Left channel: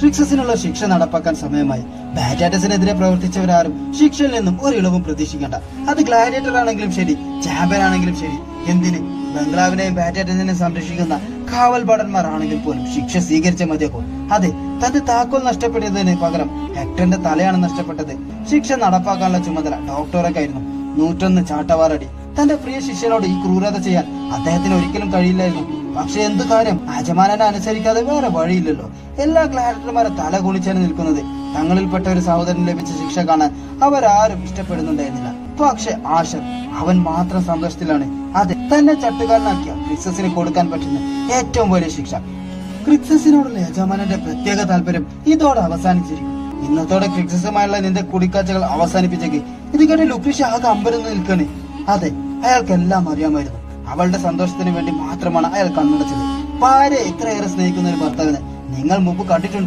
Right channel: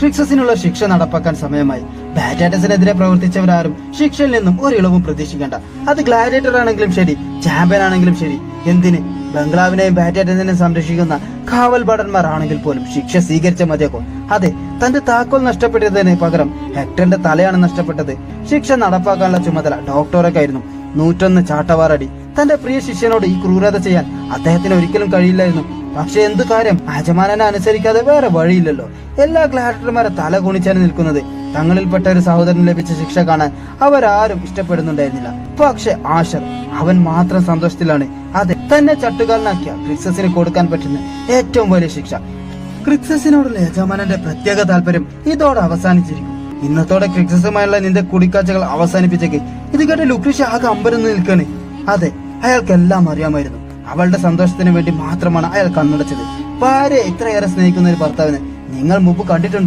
ട്രിക്സസിനുള്ള ശിക്ഷ നടപ്പാക്കാൻ സമയമായി. ബാറ്റാറ്റസിനെതിരെ പ്രവർത്തിച്ചവരാരും ശിക്ഷയിൽ നിന്നും ഒരു ഇളവും പ്രതീക്ഷിക്കേണ്ട. അത് ഗ്ലാഡിയേറ്റർ ആണെങ്കിലും ശരി, ചാമ്പ്യൻ ആണെങ്കിലും ശരി, എന്തിന് ബംഗ്ലാവിനെയും ബാറ്റാറ്റസിനെയും സംരക്ഷിക്കുന്ന കാവൽ ഭടന്മാർ ആണെങ്കിൽ പോലും ശിക്ഷ സ്വീകരിച്ച മതിയാക്കും. അതെ, തന്റെ താക്കോൽ നഷ്ടപ്പെട്ടതിന് പകരം ഹെക്ടറിന്റെ തലയാണ് നഷ്ടപ്പെട്ടത്. ശിക്ഷ നടപ്പാക്കാനുള്ള ചുമതല ഡോക്ടറൊക്കെയായിരുന്നു. 101 ചാട്ടവാറടി. തന്റെ പ്രിയ ശിഷ്യനോട് ഈ ക്രൂരത ചെയ്യാൻ അദ്ദേഹത്തിന് ഒരിക്കലും കഴിയില്ലായിരുന്നു. പക്ഷെ എന്ത് കാര്യം, യജമാനനെ അനുസരിക്കാതെ വേറെ വഴിയില്ലല്ലോ. എല്ലാ ഗ്ലാഡിയേറ്റർമാരെ തല കുണിച്ചാണ് നിൽക്കുന്നത്. തങ്ങളിൽപ്പെട്ട ഒരു സഹോദരന് ലഭിച്ച ശിക്ഷ കാണാൻ അവരാരും ഇഷ്ടപ്പെടുന്നുണ്ടായിരുന്നില്ല. പക്ഷെ ആഷർ, അവൻ മാത്രം സന്തോഷത്തിലാണ്. അതെ, തന്നെ ചട്ടുകാരനാക്കിയ ക്രിക്സസിന് കൊടുക്കാൻ പറ്റുന്ന ഏറ്റവും വലിയ ശിക്ഷ. ക്രിക്സസിനോടുള്ള യജമാനന്റെ പ്രത്യേക താല്പര്യം ഇതോടെ അവസാനിച്ചിരിക്കും. ഇന്നത്തോടെ ക്രിക്സസുമായുള്ള നിന്റെ കുടിക്കാഴ്ചകൾ അവസാനിപ്പിച്ചേക്ക്. ഇത് കേട്ട് ലുക്രീഷ്യ ആകെ അമ്പരന്ന് നിൽക്കാണ്. അതെ, അയാൾക്കെല്ലാം അറിയാമായിരുന്നു. അവളുടെ സന്തോഷത്തിന് വേണ്ടി മാത്രമാണ് അയാൾ കണ്ണടച്ചത്. ഭാര്യയെ ഇത്രയേറെ സ്നേഹിക്കുന്ന ഒരു ഭർത്താവിനെ നിങ്ങൾ മുമ്പ് കണ്ടിട്ടുണ്ടോ?